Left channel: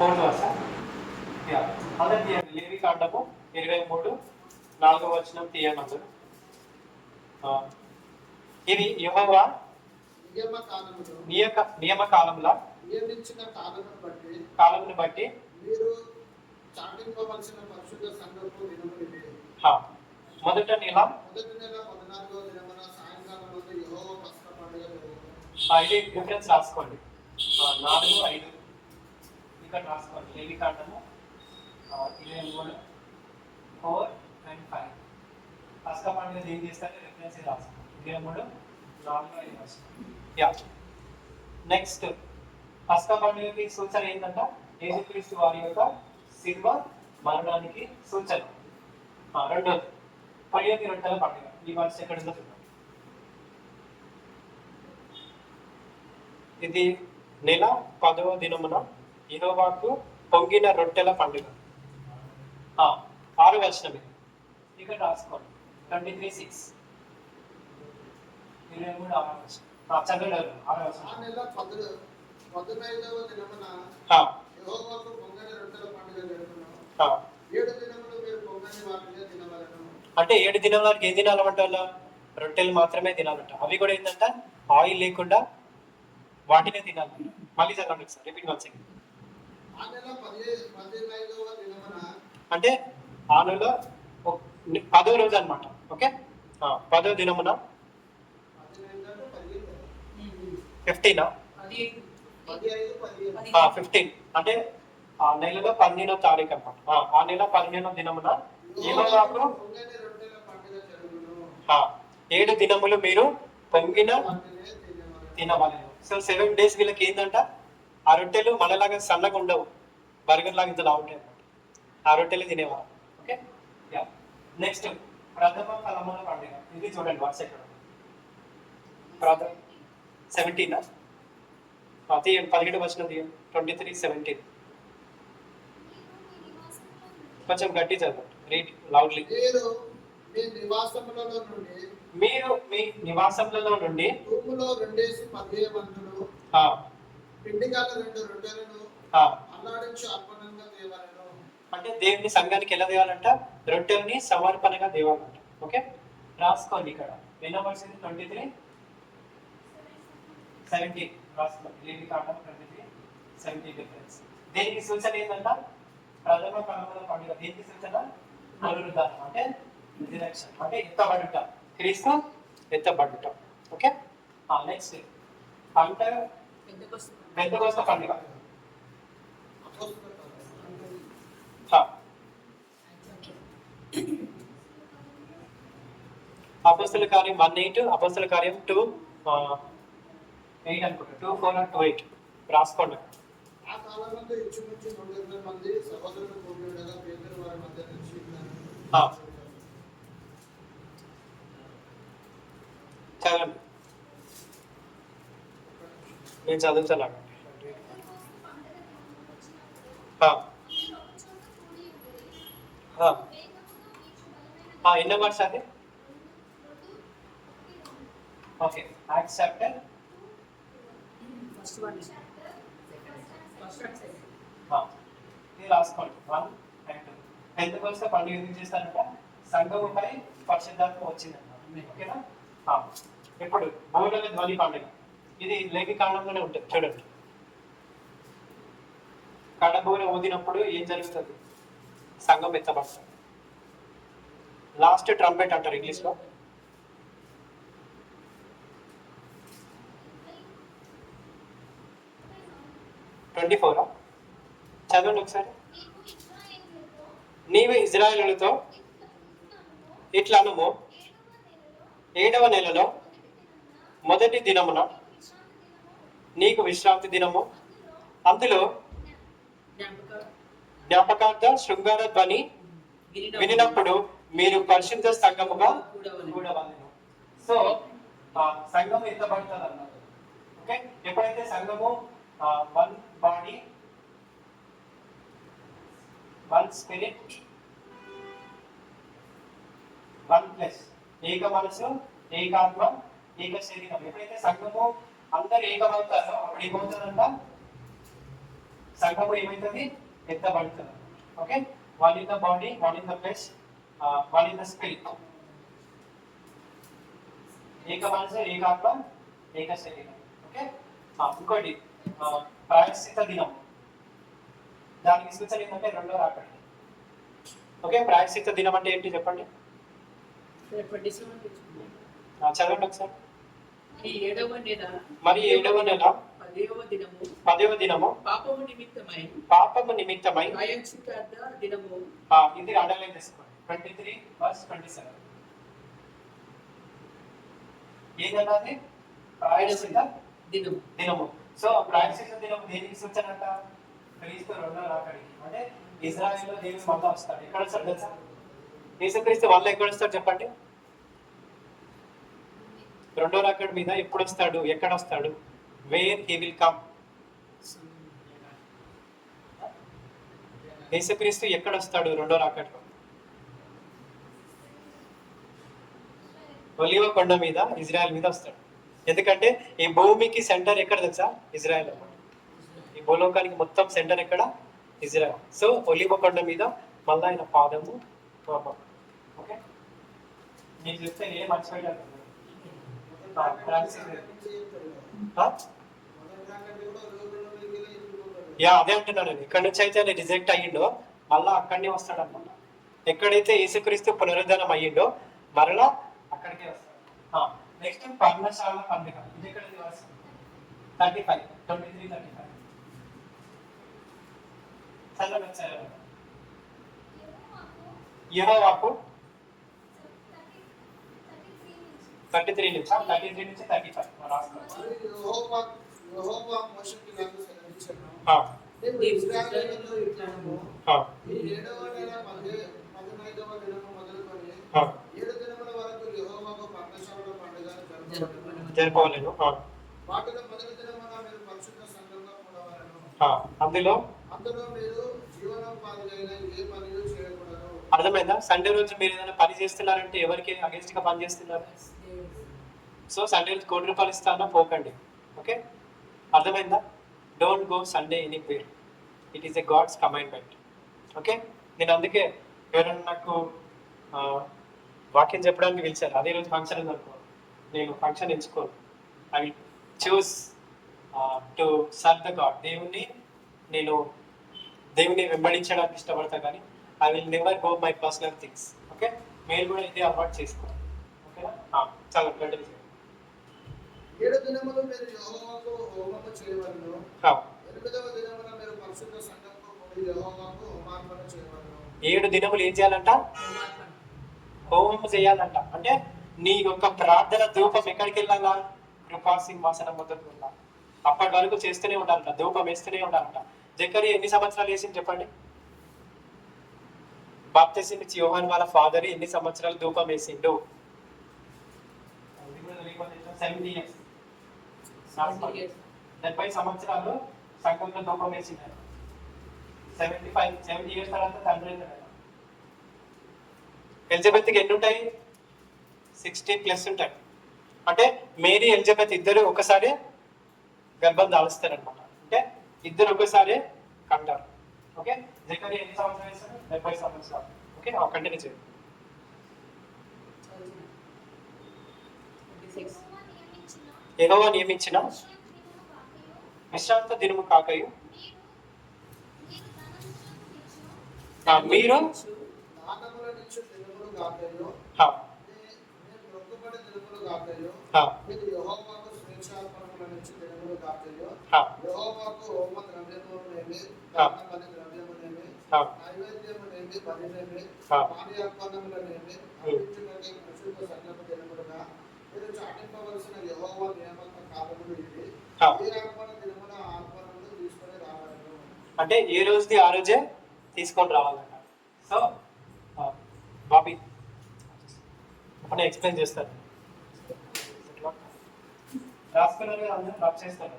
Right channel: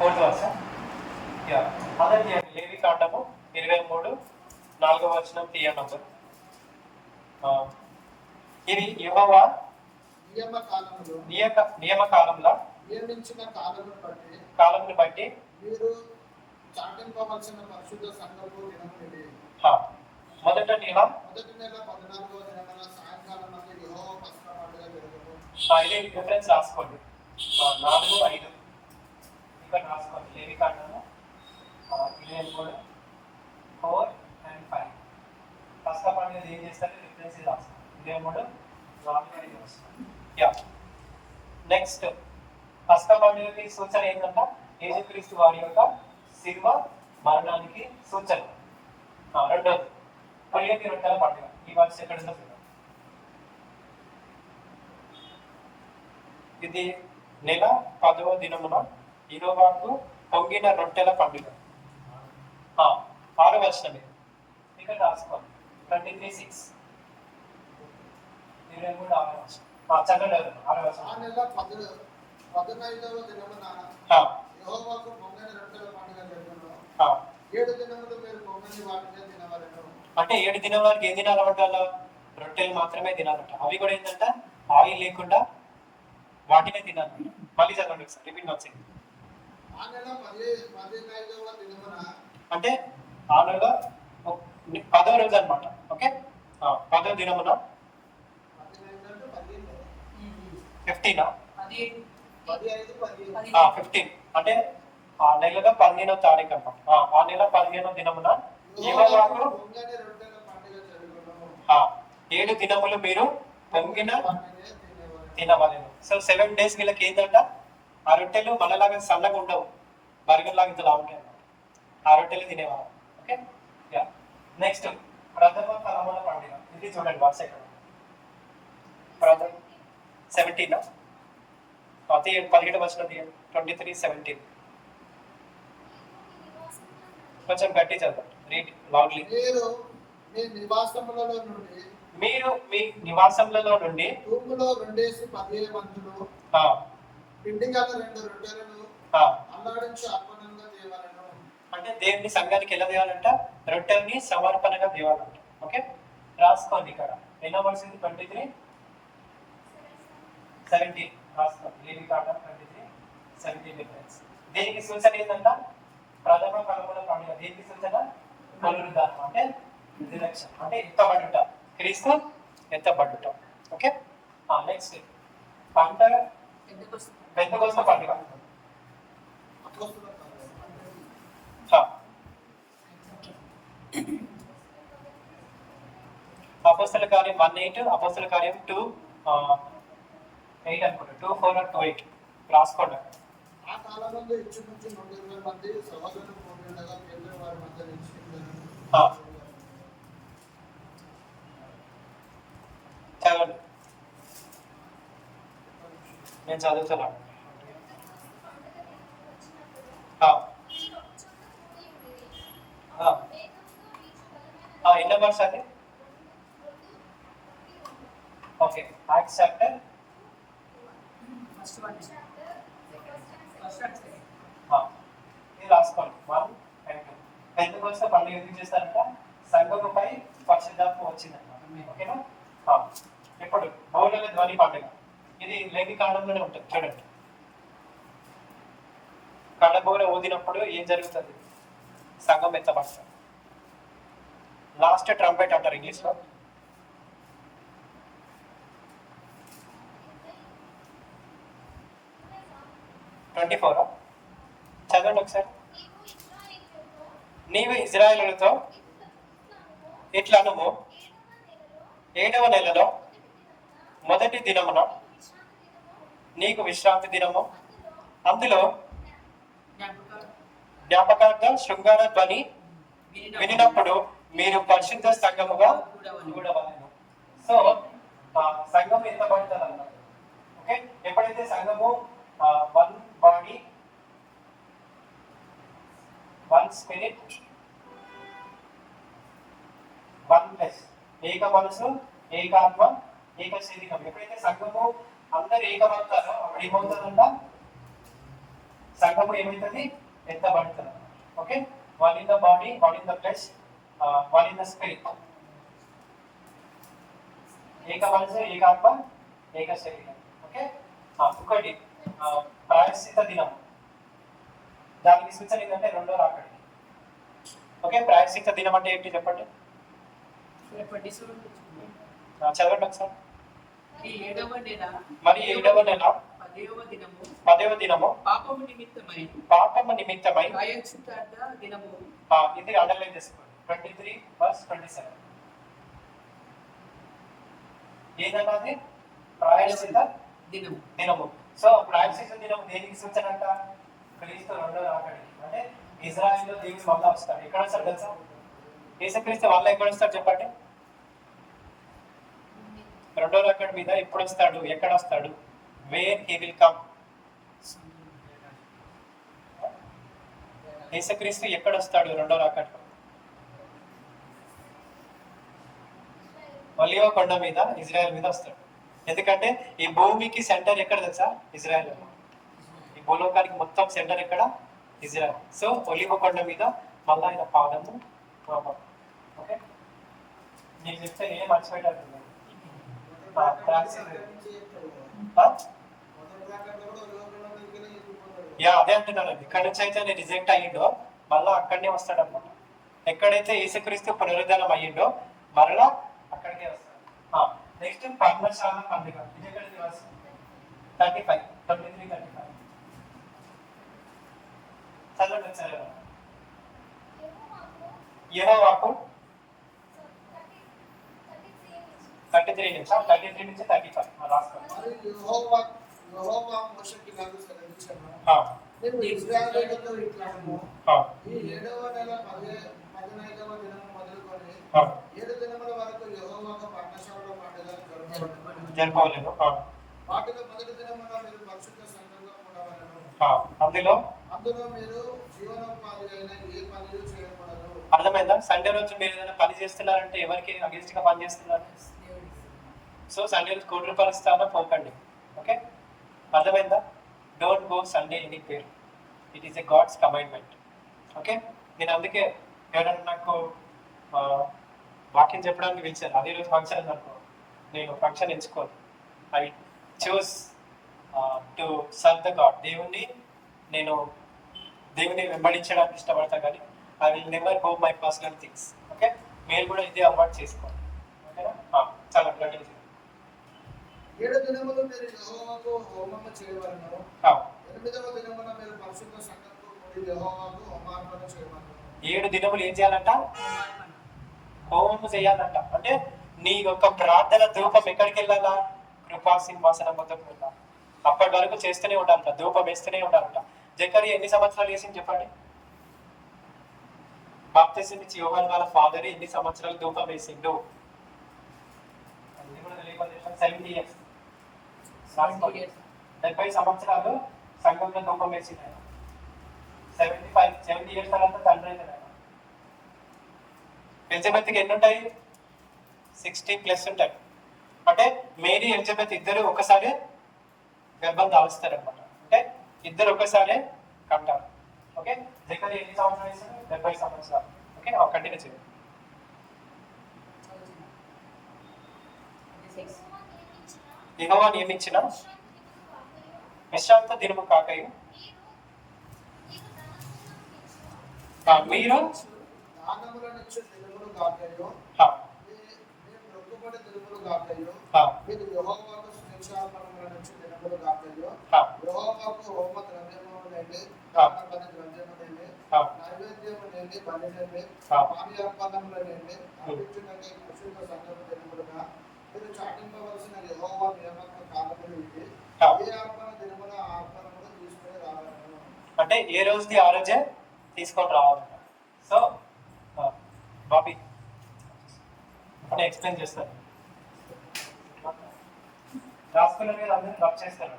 4th verse. Yeah అందరు తీయండి. లేవి కాండము 23 4వ వచనం తీయండి అందరు. ఇది యెహోవా నియమ కాలంలో నియమించిన కాలమును బట్టి మీరు చాటింపవలసిన పరిశుద్ధ సంఘము నియమమిది. మొదట నెల 14వ దినమున సాయంకాలం వరకు యెహోవా పస్కా పండుగ జరుగును. ఇది రిఫరెన్స్ రాసుకోండి. 4, 5 ఇక్కడ రాసుకోండి. లేవి కాండము 23 4 and 5 పస్కా పండుగ ఏం చేస్తారు రిఫరెన్స్ రాసుకోండి. 23 4 5 యా నెక్స్ట్ పస్కా పండుగకి సూచన ఏంటంట యేసుక్రీస్తు వారి యొక్క శిలువ మరణానికి సూచన. రెండోది పొయ్యని రొట్టెల పండుగ. ఈ వర్ష ఎక్కడ ఉందో చూద్దాం. ఇది నెల 10వ దినమున యెహోవాకు పొంగిన రొట్టెల పండుగ. 6వ వచనమే ఇక్కడ రాసుకోండి. 23:6 23 6వ వచనం. చదవండి 6వ వచనం. ఆ నెల 15వ దినమున యెహోవాకు పొంగని రొట్టెల పండుగ జరుగును. 7 దినములు మీరు పొంగని వాటిని తినవలెను. అంటే 7 దినాల వరకు ఏం తినాలంట? వాళ్ళ రొట్టెలు మాత్రమే తినాలంట. అవి కూడా ఏంటంట ఆయిల్ లేకుండా వాటినే తినాలంట. మళ్ళీ చదవండి ఒకసారి, రిపీట్ వచ్చి. ఆ నెల 15వ దినమున అంటే ఆ నెల 10వ రోజు అనమాట. ఓకే 10వ దినమున 15 అంటే ఆ నెలలో 15వ తారీఖు అనమాట. ఆ నెల 15వ దినమున యెహోవాకు 7 దినములు మీరు పొంగిన తినవలెను. సో 7 days వీళ్ళకి ఏంటంట ఆ రొట్టెలు మనలాగా సన్నగా ఉండవు, బర్గర్ లాగా ఇంతలా ఉంటాయి అనమాట. ఆ రొట్టెలు తినేవారు. ఓకే యా నెక్స్ట్ ప్రథమ ఫలముల పండుగ. ఇది చూడండి వాట్స్ ఎక్కడ ప్రథమ 17 తీయండి. 17 వచనం తీయండి. 23:17 కొంచెం గట్టి చదవండి. Read loudly. మీరు మీ నివాసములలో నుండి తూములో 2 మందులు పిండిగల 2 రొట్టెలను అల్లాడించి అర్పణంగా తేవాలెను. అంటే దేవుని సంఘానికి ఎలా తేవాలంట? రొట్టెల్ని సమర్పణగా తేవాలంట. ఓకే రాసుకోండి. ఇక్కడ ఎన్నో వర్షం 23:17 రాసుకోండి. లేవి కాండం 23:17 డిఫరెన్స్. దీనికి సూచన ఏంటంట? ప్రథమ ఫలముల పండుగ. దీనికి సూచన పునరుద్ధానం అంటే రిజరెక్షన్, అంటే ఎత్తబడుట, క్రీస్తు ఎత్తబడుట. ఓకే నెక్స్ట్ పంట పెంతెకొస్తు పండుగ. అపోస్తల కార్యం 1:8, అపోస్తల కార్యం 2:8 అనుకుంటా. 2:4 or 2:8 రాసుకోండి. ఆ కాలమందు ఇంచుమించు 300 మంది సహోదరులు కూడినగా పేతురు వారి మధ్య నిలిచి చదవండి. నేను చదువుతాను. ఎన్నో వర్స్ అది? ఓకే యాక్ట్స్ చాప్టర్ ఇది రాసుకోండి. 1 and 2. పెంతెకొస్తు పండుగ ఎందుకు చేస్తారంట? సంఘముపై పరిశుద్ధాత్మ వచ్చిందన్నమాట. ఓకేనా ఇప్పుడు బోరల ధ్వని పండుగ. ఇది లేవి కాండంలోనే ఉంటుంది. చూడండి, కండబోర ఊదినప్పుడు ఏం జరుగుతుంది? సంఘం ఎత్తబడుతుంది. లాస్ట్ ట్రంపెట్ అంటారు ఇంగ్లీష్లో. చదవండి ఒకసారి. నీవు ఇజ్రాయేలులతో ఇట్లా అనుము, 7వ నెలలో మొదటి దినమున నీకు విశ్రాంతి దినము, అందులో జ్ఞాపకార్థ శృంగార ధ్వని వినినప్పుడు మీరు పరిశుద్ధ సంఘముగా కూడవలెను. సో సంఘము ఎత్తబడుతుంది అన్నమాట. ఓకే ఎప్పుడైతే సంఘము 1 బాడీ 1 స్పిరిట్ 1 ఫ్లెష్, ఏక మనసు ఏక ఆత్మ ఏక శరీరం. ఎప్పుడైతే సంఘము అందరు ఏకమవుతారో అప్పుడు ఏమవుతుందంట? సంఘము ఏమైతుంది? ఎత్తబడుతుంది. Okay, one in the body, one in the flesh, one in the spirit. ఏక మనసు, ఏకాత్మ, ఏక శరీరం. ఓకే, ఇంకోటి ప్రాయశ్చిత దినం. దానికి సూచన ఏంటంటే రెండో రాకడ. ఓకే, ప్రాయశ్చిత దినం అంటే ఏంటి చెప్పండి? చదవండి ఒకసారి. మరి 7వ నెల 10వ దినము పాపము నిమిత్తమై ఇది అండర్లైన్ చేసుకోండి. 23:27 ఏదన్నది? ప్రాయశ్చిత దినము. సో ప్రాయశ్చిత దినం దేనికి సూచన అంట? క్రీస్తు రెండో రాకడికి. అంటే ఇజ్రాయెల్లో దేవుడు మళ్ళా వస్తాడు. ఎక్కడ వస్తాడు తెలుసా? యేసుక్రీస్తు వల్ల ఎక్కడ వస్తాడు చెప్పండి? రెండో రాకడ మీద ఎప్పుడు వస్తాడు? ఎక్కడ వస్తాడు? Where he will come. యేసుక్రీస్తు ఎక్కడ వస్తాడు రెండో రాకడలో? ఒలీవ కొండ మీద, ఇజ్రాయెల్ మీద వస్తాడు. ఎందుకంటే ఈ భూమికి సెంటర్ ఎక్కడ తెలుసా? ఇజ్రాయెల్. ఈ భూలోకానికి మొత్తం సెంటర్ ఎక్కడ? ఇజ్రాయెల్. సో ఒలీవ కొండ మీద మళ్ళా ఆయన పాదము. ఓకే, నేను చెప్తే ఏం మర్చిపోయాడు? అదే అంటున్నాను. ఇక్కడ నుంచి అయితే నేను రిజెక్ట్ అయ్యిండో మళ్ళా అక్కడనే వస్తాడు అనమాట. ఎక్కడైతే యేసుక్రీస్తు పునరుద్ధానం అయ్యిండో మరలా అక్కడికే వస్తాడు. నెక్స్ట్ పర్ణశాల పండుగ. ఇది ఎక్కడ దివాసం? 23:35 చదవండి సరే. యెహోవాకు 33 నుంచి 35 రాసుకోండి. జరుపుకోలేదు. అందులో అర్థమైందా? సండే రోజు మీరు ఏదైనా పని చేస్తున్నారంటే ఎవరికి అగేన్స్ట్ గా పని చేస్తున్నారు? సో సండే రోజు ₹1,00,000 ఇస్తానో పోకండి. ఓకే, అర్థమైందా? Don't go Sunday any pair. It is a God's commandment. Okay, నేను అందుకే ఎవరైనా నాకు వాక్యం చెప్పడానికి పిలిచారు, అదే రోజు ఫంక్షన్ ఉందనుకో, నేను ఫంక్షన్ ఎంచుకోను. I will choose to serve the God. నేను దేవుని వెంబడించడానికి ఇష్టపడతా, కానీ I will never go my personal things. Okay, మీరు కూడా ఇదే అవాయిడ్ చేసుకోండి. ఓకేనా? చాలా కంటిన్యూ చేయండి. 7 దినములు మీరు యెహోవాకు హోమము చేయవలెను. 8వ దినమున మీరు పరిశుద్ధ సంఘంతో కూడి యెహోవాకు హోమార్పణ చేయవలెను. 7 దినములు ఏం చేయాలంట? హోమం చేయాలంట. అంటే నీ యొక్క ప్రార్థన ధూపం ఎక్కడికి వెళ్ళాలా? కృపా సింహాసనం వద్దకు వెళ్ళాలి. అప్పటి వరకు చేస్తూనే ఉండాలంట, ధూపం వేస్తూనే ఉండాలంట. జకరియా ఎన్ని సంవత్సరాలు చేసింది చెప్పండి? బాప్తిసం ఇచ్చి యోహాను వాళ్ళ ఫాదర్ ఎన్ని సంవత్సరాలు ధూపం వేసిండు? 70 years. 70 సంవత్సరాలు సంఘంలో ధూపం వేసింది. 70 years తర్వాత తండ్రి అయినాడు. ఎలిజబెత్కి ఎన్ని ఉంటాయి? 60+ ఉంటాయి. అంటే మేరీ ఎలిజబెత్ ఇద్దరు ఒకసారి గర్భం దాలుస్తారనమాట. అంటే ఇద్దరు ఒకసారి కంటారు. ఓకే, జకరియా ఎన్ని సంవత్సరాలు వేస్తారు? 70 సంవత్సరాలు. ఓకే, కంటిన్యూ చేయండి. యెహోవా నియమించిన విశ్రాంత దినము కాకయు మీరు అంటే ఏ రోజుది ఆ రోజే తీసుకొని రావాలంట. సో బాబీ ఎక్స్ప్లెయిన్ చేస్తారు. రాసుకున్నారు కదా, అందరూ రబ్ చేస్తారు.